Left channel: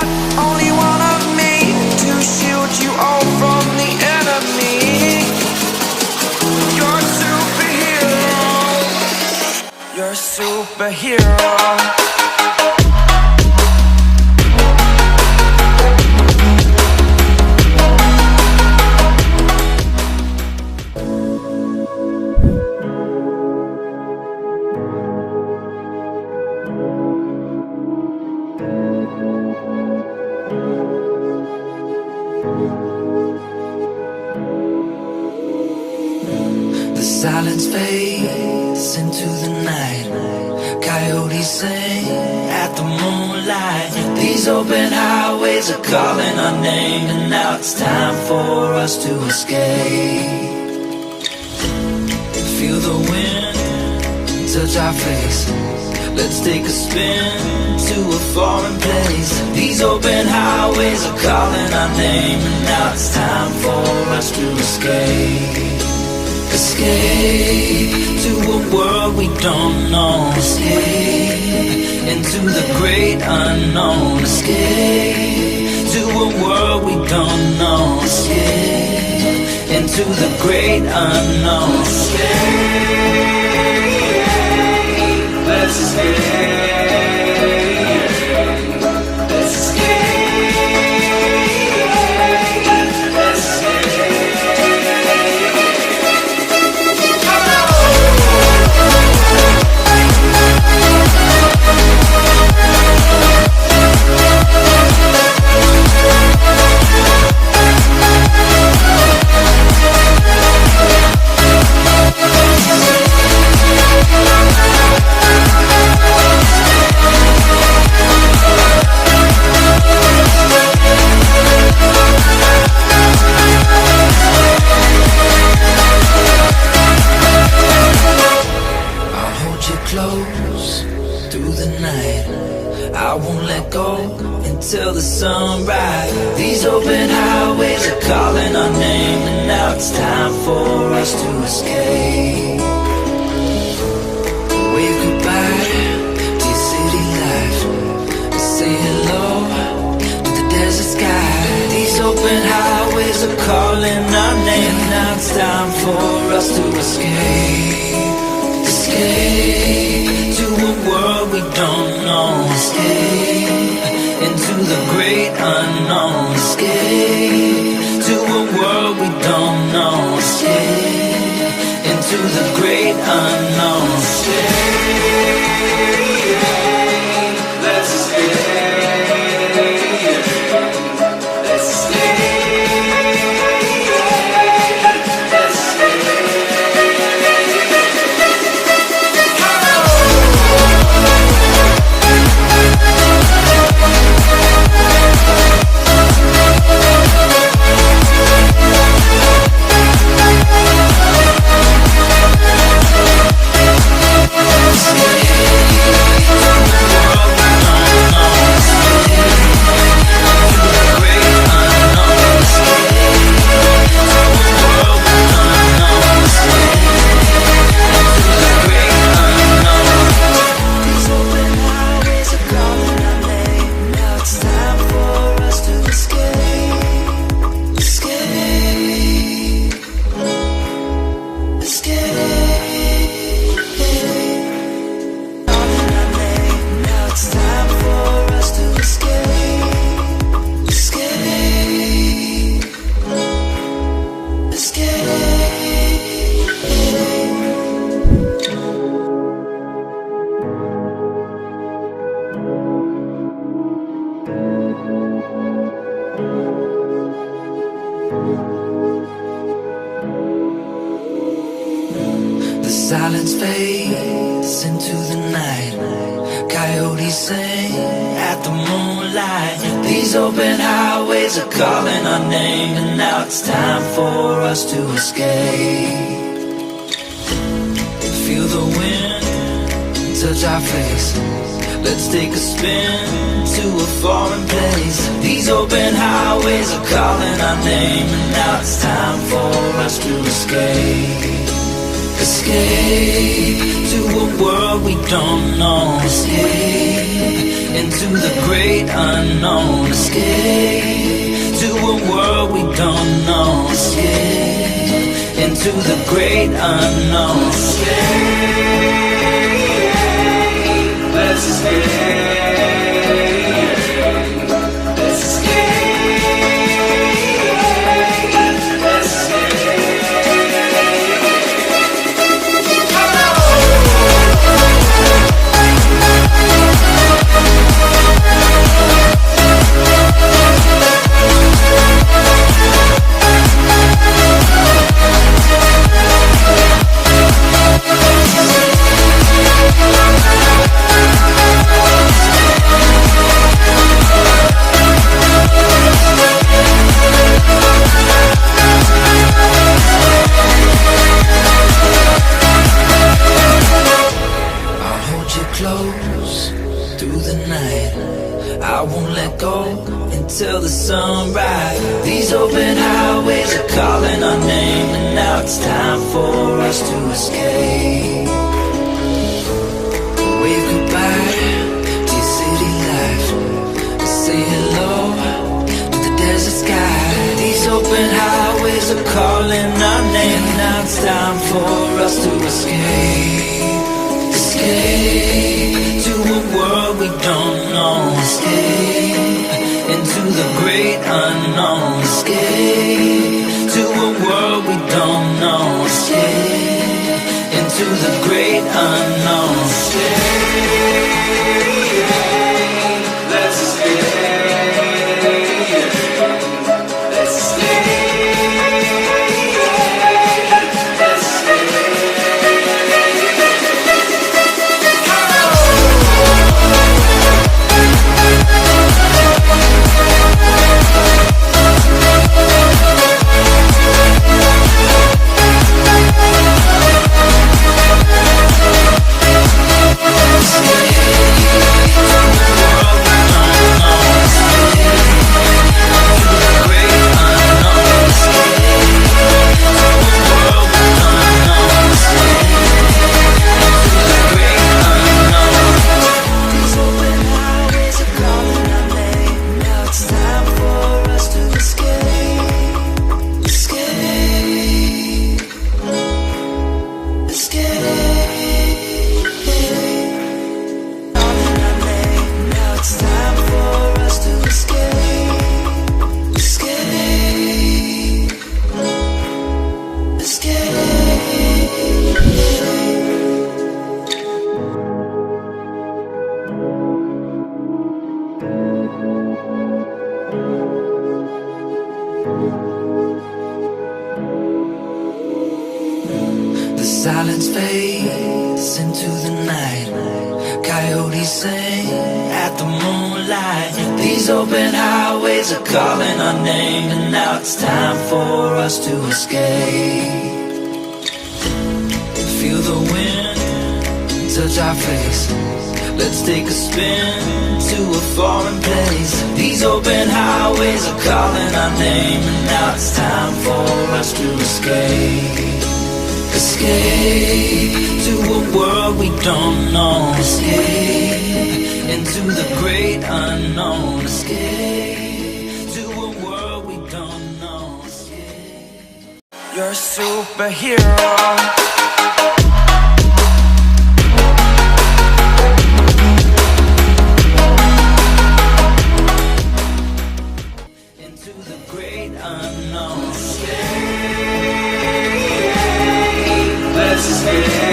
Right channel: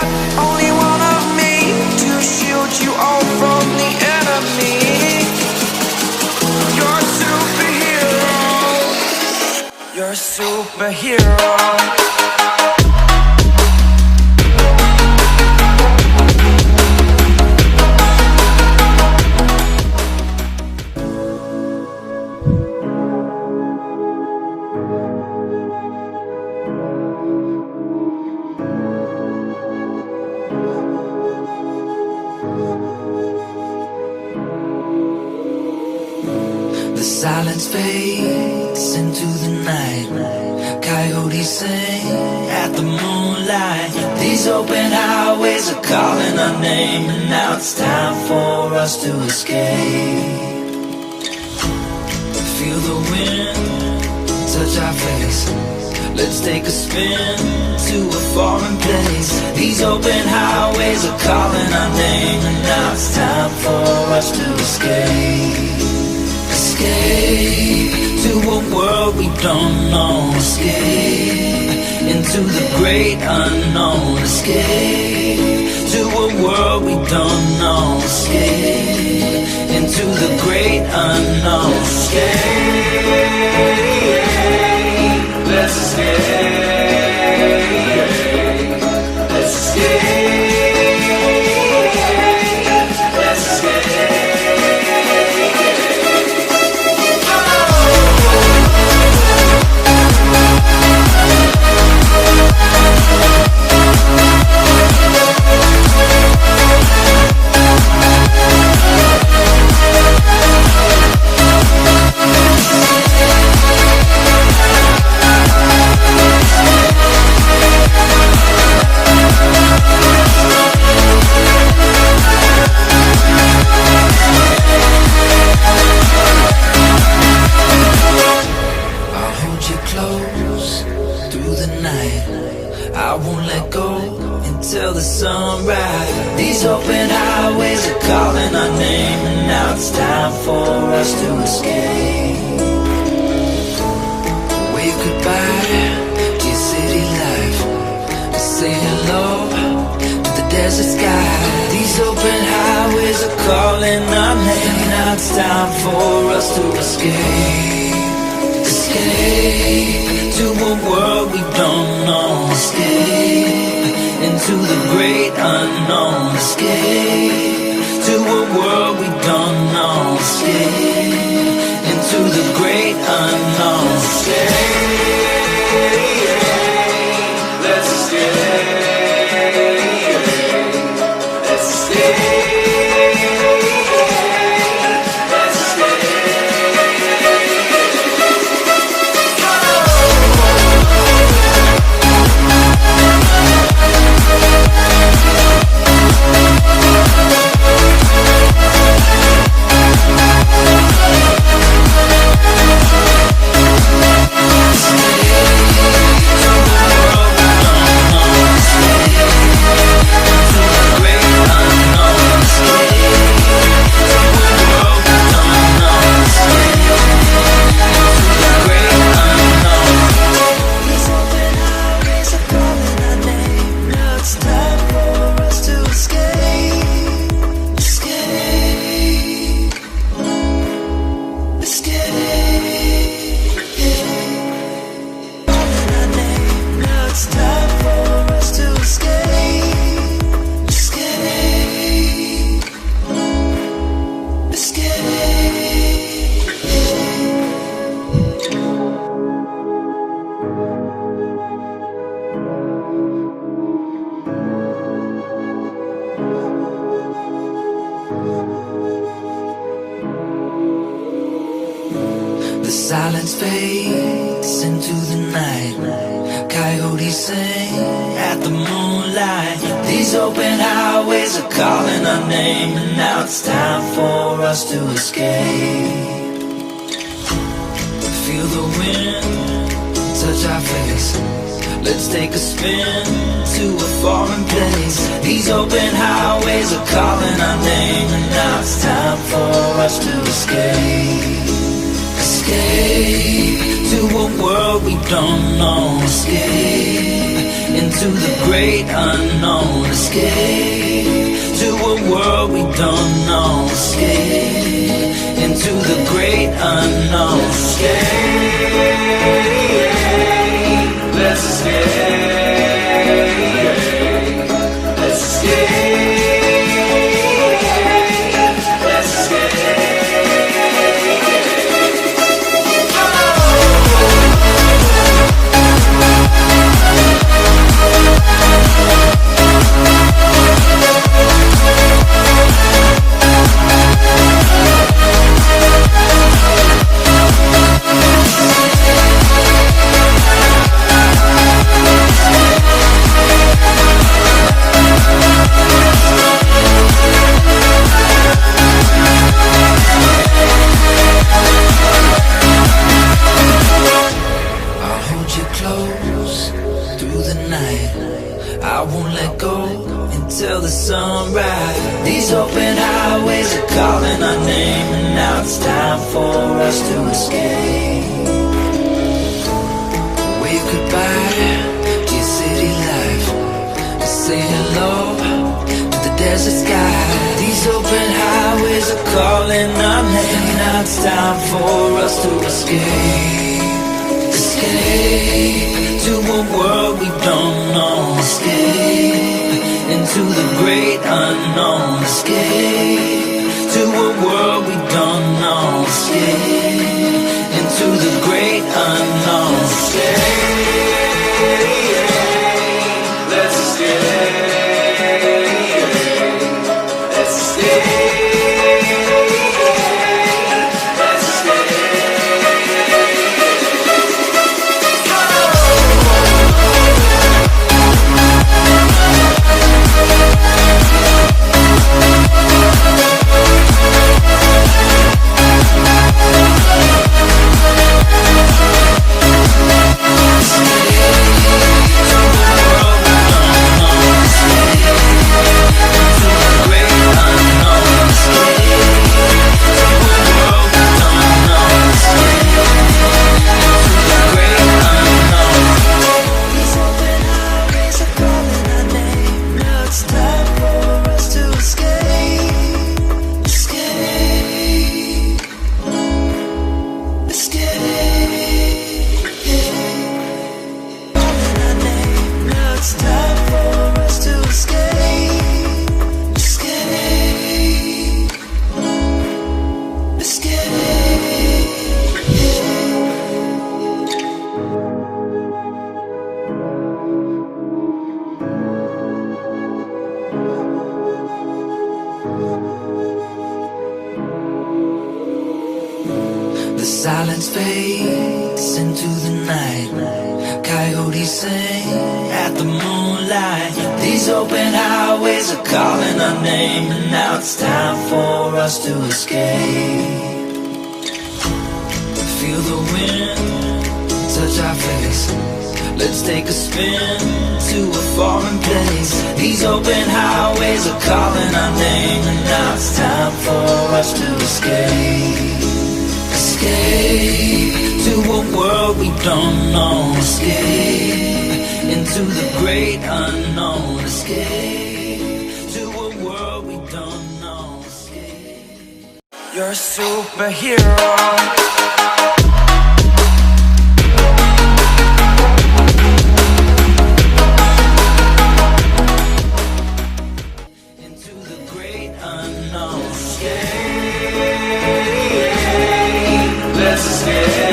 got only one of me to shield you all from the enemy. You're a superhero. You're a superhero. The silence fades into the night. Coyotes sing at the moonlight. These open highways are calling our name, and now it's time for us to escape. Feel the wind touch our face. Let's take a spin to a foreign place. These open highways are calling our name, and now it's time for us to escape. Escape to a world we don't know. Escape into the great unknown. Escape to a world we don't know. Escape into the great unknown. Escape, let's escape. Let's escape. Let's escape. I won't let go until the sunrise. These open highways are calling our name, and now it's time for us to escape. Wave goodbye to your city life, and say hello to the desert sky. These open highways are calling our name, and now it's time for us to escape. Escape to a world we don't know. Escape into the great unknown. Escape to a world we don't know. Escape into the great unknown. Escape, let's escape. Let's escape. Silence fades into the night. Coyotes sing at the moonlight. These open highways are calling our name, and now it's time for us to escape. Feel the wind touch our face. Let's take a spin to a foreign place. These open highways are calling our name, and now it's time for us to escape. Escape to a world we don't know. Escape into the great unknown. Escape to a world we don't know. Escape into the great unknown. Escape, let's escape. Let's escape. Let's escape. I won't let go until the sunrise. These open highways are calling our name, and now it's time for us to escape. Wave goodbye to your city life, and say hello to the desert sky. These open highways are calling our name, and now it's time for us to escape. Escape to a world we don't know. Escape into the great unknown. Escape to a world we don't know. Escape into the great unknown. Escape, let's escape. Let's escape. Silence fades into the night. Coyotes sing at the moonlight. These open highways are calling our name, and now it's time for us to escape. Feel the wind touch our face. Let's take a spin to a foreign place. These open highways are calling our name, and now it's time for us to escape. Escape to a world we don't know. Escape into the great unknown. Escape to a world we don't know. Escape. You're a superhero. Into the great unknown. Escape. Let's escape.